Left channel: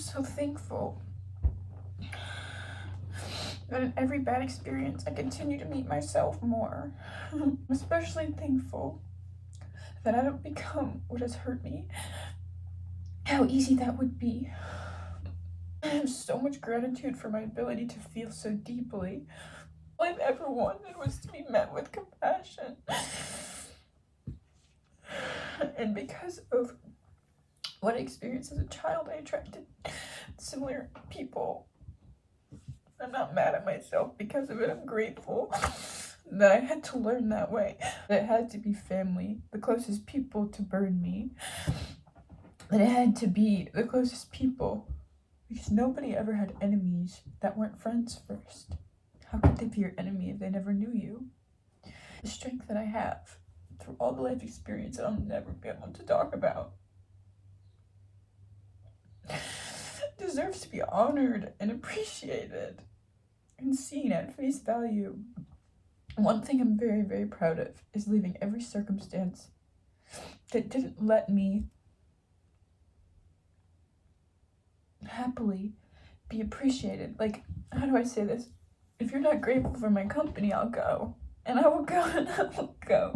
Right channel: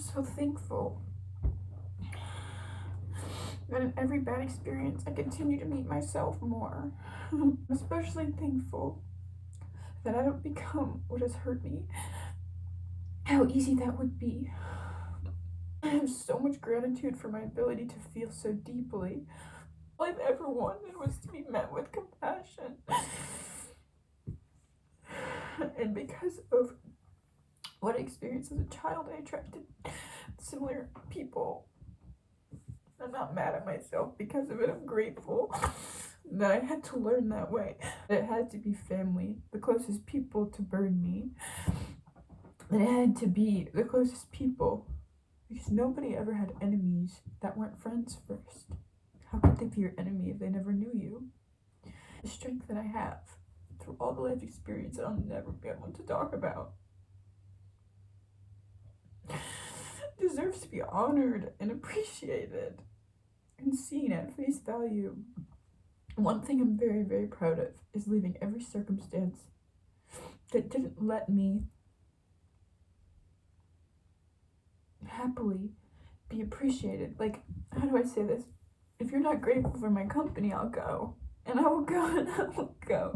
so thankful that in every bad experience I continue to meet myself more. I'm especially thankful that I don't become what has hurt me. How easy that would be. I have so much gratitude for my ability to feel so deeply. All I've ever wanted was to be met with compassion. And because of what I experienced as a child, I attracted similar people. I'm not mad at myself because of it. I'm grateful that I had to learn that way. It had to be family, the closest people to burn me. That it had to be the closest people, because nobody ever had enemies that weren't friends first. How could they be your enemy if they never knew you? The strength that I have through all the life experience I'll never be able to talk about deserves to be honored and appreciated and seen at face value. One thing I'm very, very proud of is leaving every circumstance that didn't let me happily be appreciated. Like, how do I say this? If you're not grateful for my company, I'll go. And I will go and I will go.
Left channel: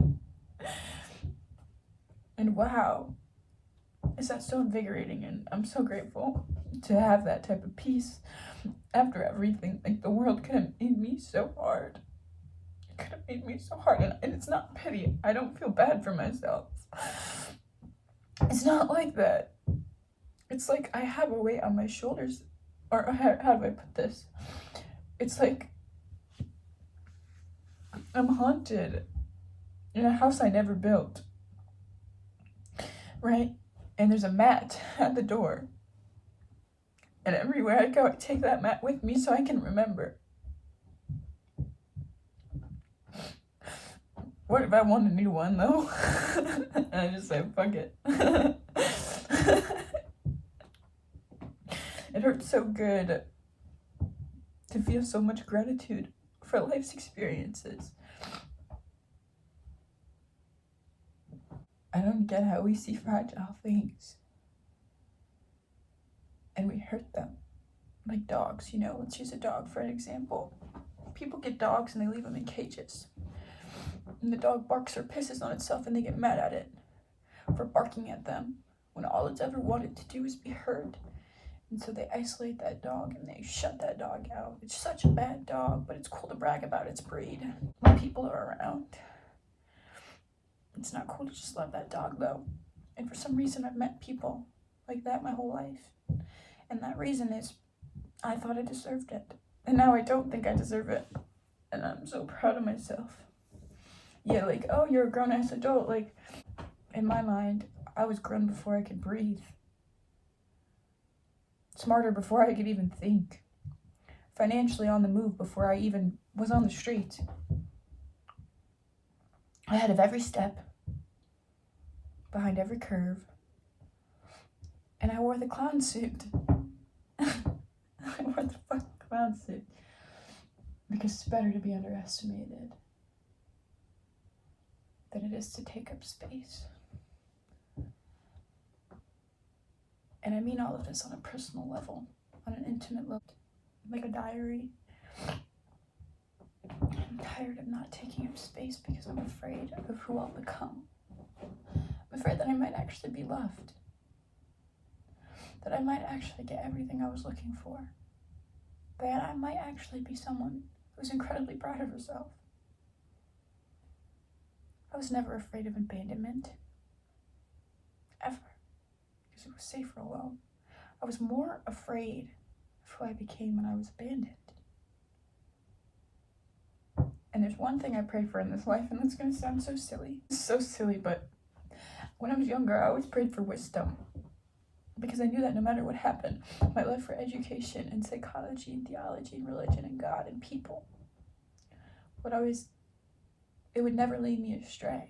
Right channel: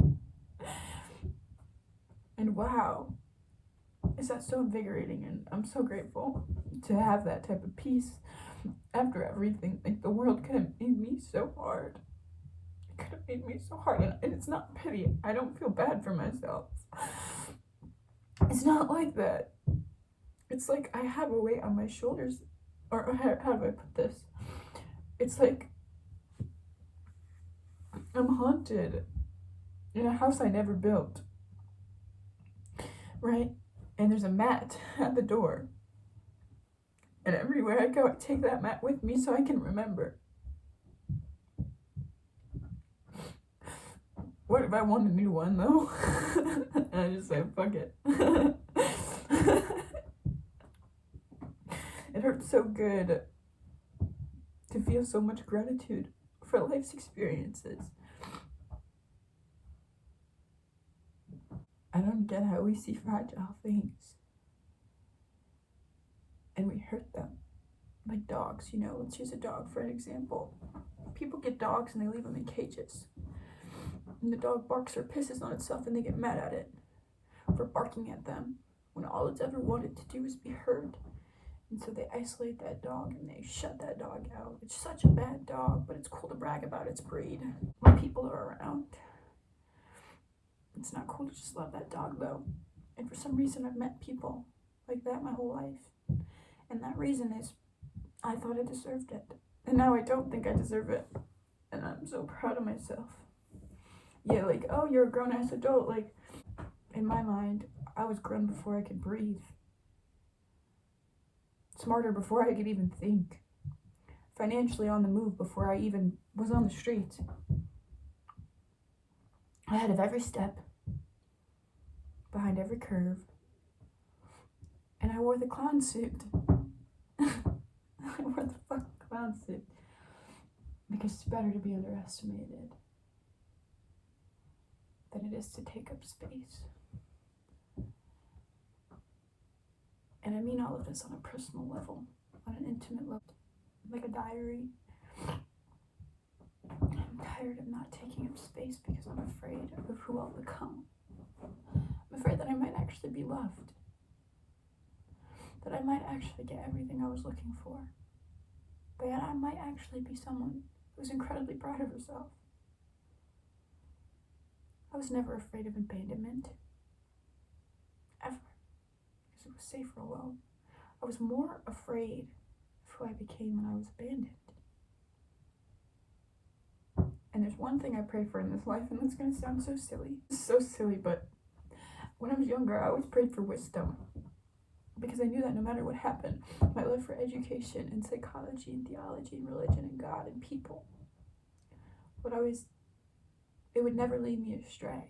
And wow, is that so invigorating, and I'm so grateful to have that type of peace after everything. Like, the world could have made me so hard. It could have made me so hard, and it's not pity. I don't feel bad for myself. It's not like that. It's like I have a weight on my shoulders, or how do I put this? It's like I'm haunted in a house I never built, right? And there's a mat at the door. And everywhere I go, I take that mat with me so I can remember. What if I want a new one, though? And I just say, fuck it. It hurts so good to feel so much gratitude for life's experiences. I don't get how we see fragile things and we hurt them. Like dogs, you know, let's use a dog for an example. People get dogs and they leave them in cages. And the dog barks or pisses on itself and they get mad at it for barking at them when all it's ever wanted to do is be heard. And so they isolate that dog and they shut that dog out. It's such a bad dog, but it's cool to brag about its breed when people are around. It's not cool to just love that dog, though. And for some reason, I've met people like that my whole life. And that reason is I thought I deserved it. And now I don't think I deserve it. And I'm so proud of myself. Yeah, like, oh, you're a grown-ass adult. Like, in my mind, I was grown before I could breathe. Smarter before I could even think. Financially on the move before I even was on the street. Ahead of every step. Behind every curve. And I wore the clown suit. I wore the fucking clown suit. Because it's better to be underestimated than it is to take up space. And I mean all of this on a personal level, on an intimate level, like a diary. I'm tired of not taking up space because I'm afraid of who I'll become. I'm afraid that I might actually be loved. That I might actually get everything I was looking for. That I might actually be someone who's incredibly proud of herself. I was never afraid of abandonment. Ever. Because it was safer alone. I was more afraid of who I became when I was abandoned. And there's one thing I pray for in this life, and that's going to sound so silly. It's so silly, but when I was younger, I always prayed for wisdom. Because I knew that no matter what happened, my love for education and psychology and theology and religion and God and people it would never lead me astray.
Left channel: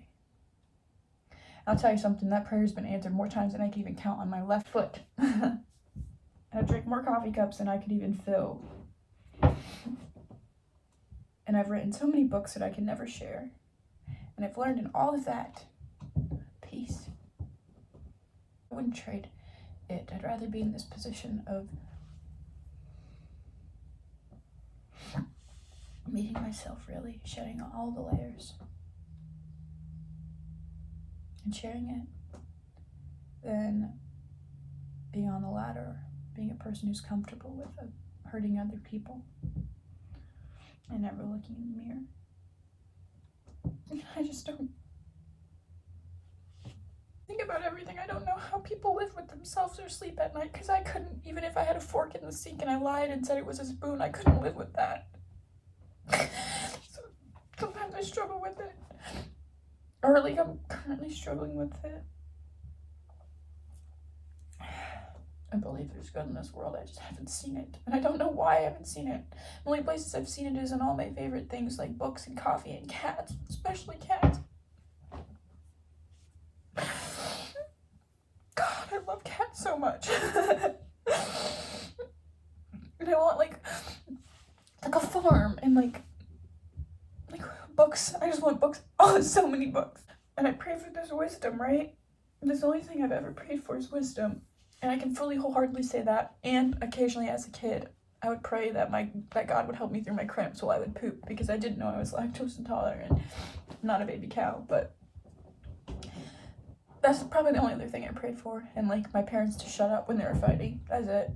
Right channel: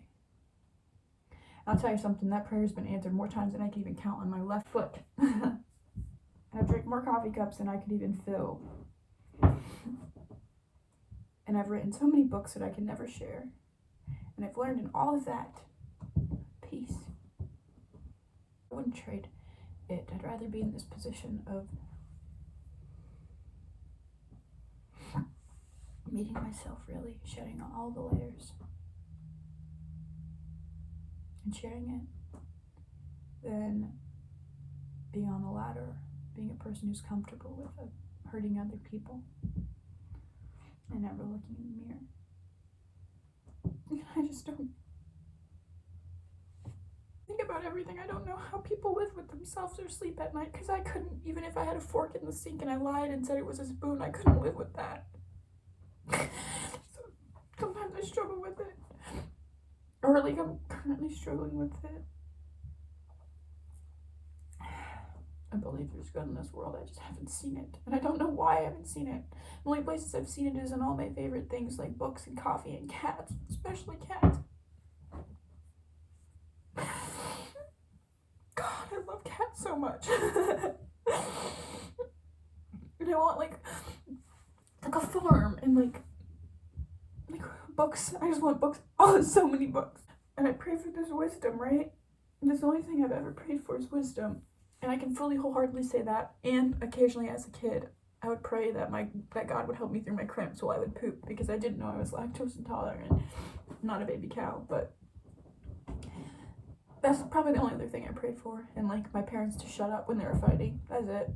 I'll tell you something, that prayer's been answered more times than I can even count on my left foot. And I drank more coffee cups than I could even fill. And I've written so many books that I can never share. And I've learned in all of that peace. I wouldn't trade it. I'd rather be in this position of meeting myself, really, shedding all the layers and sharing it, than being on the ladder, being a person who's comfortable with hurting other people and never looking in the mirror. I just don't think about everything. I don't know how people live with themselves or sleep at night, because I couldn't. Even if I had a fork in the sink and I lied and said it was a spoon, I couldn't live with that. So sometimes I struggle with it, or like I'm currently struggling with it. I believe there's good in this world, I just haven't seen it, and I don't know why I haven't seen it. The only places I've seen it is in all my favorite things like books and coffee and cats, especially cats. God, I love cats so much. And I want like a farm and like books. I just want books. Oh, so many books. And I pray for this wisdom, right? And that's the only thing I've ever prayed for is wisdom. And I can fully wholeheartedly say that. And occasionally as a kid, I would pray that God would help me through my cramps while I would poop, because I didn't know I was lactose intolerant. Not a baby cow, but that's probably the only other thing I prayed for. And like my parents to shut up when they were fighting. That's it.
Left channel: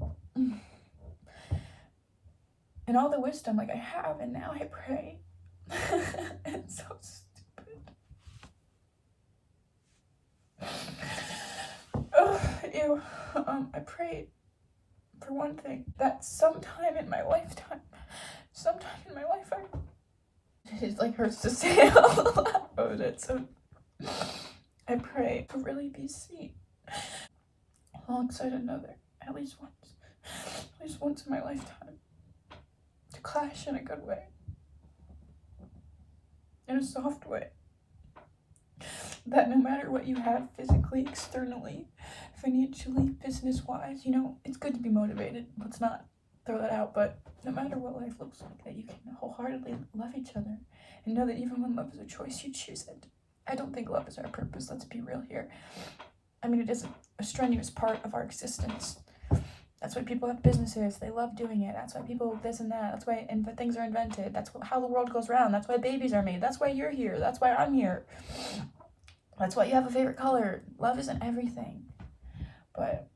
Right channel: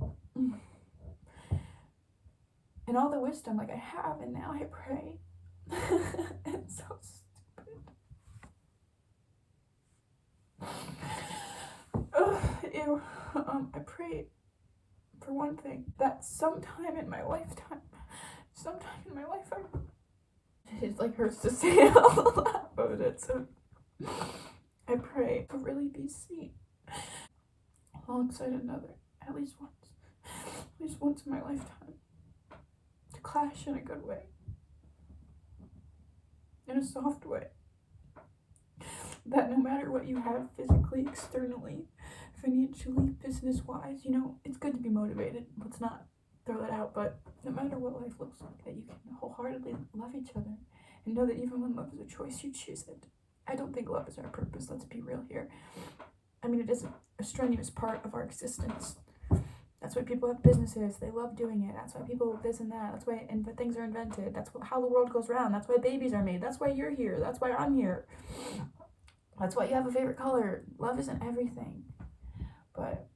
And all the wisdom like I have, and now I pray. It's so stupid. Ugh, ew. I prayed for one thing, that sometime in my life, it like hurts to say it out loud, but I pray to really be seen alongside another, at least once in my lifetime, to clash in a good way, in a soft way, that no matter what you have physically, externally, financially, business-wise, it's good to be motivated, let's not throw that out, but no matter what life looks like, that you can wholeheartedly love each other, and know that even when love is a choice, you choose it. I don't think love is our purpose, let's be real here. I mean, it is a strenuous part of our existence. That's why people have businesses, they love doing it. That's why people this and that. That's why things are invented. That's how the world goes round. That's why babies are made. That's why you're here. That's why I'm here. That's why you have a favorite color. Love isn't everything. But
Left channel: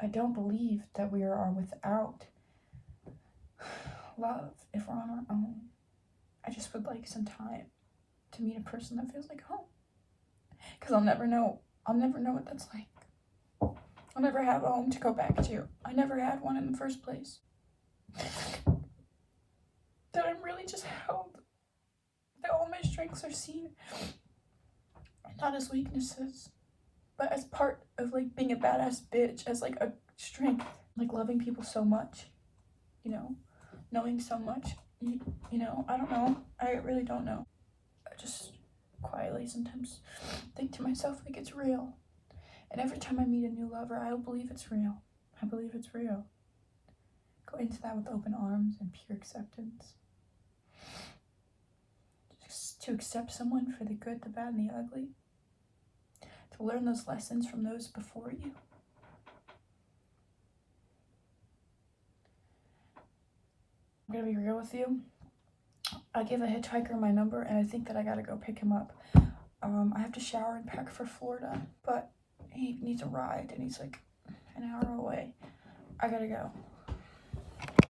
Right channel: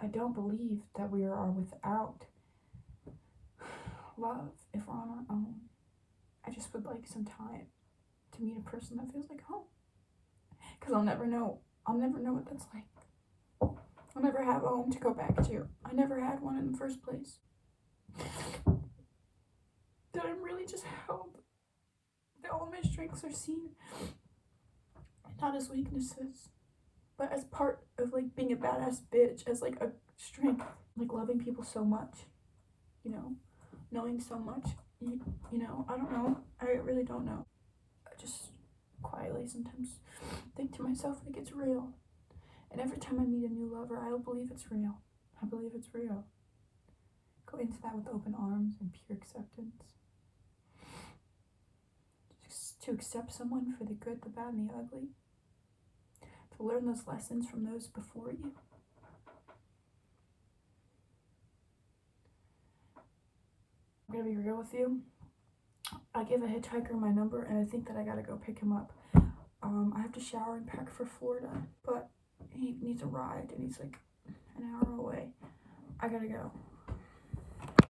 I don't believe that we are without love if we're on our own. I just would like some time to meet a person that feels like home. Because I'll never know what that's like. I'll never have a home to go back to. I never had one in the first place. That I'm really just held. That all my strengths are seen. Not as weaknesses, but as part of like being a badass bitch, as like a strength. Like loving people so much. Knowing so much. I don't know. I really don't know. I just quietly sometimes think to myself like it's real. And every time I meet a new lover, I believe it's real. I believe it's real. Go into that with open arms and pure acceptance. Just to accept someone for the good, the bad, and the ugly. To learn those lessons from those before you. I'm gonna be real with you. I gave a hitchhiker my number, and I think that I gotta go pick him up. I have to shower and pack for Florida, but he needs a ride, and he's like an hour away. I gotta go.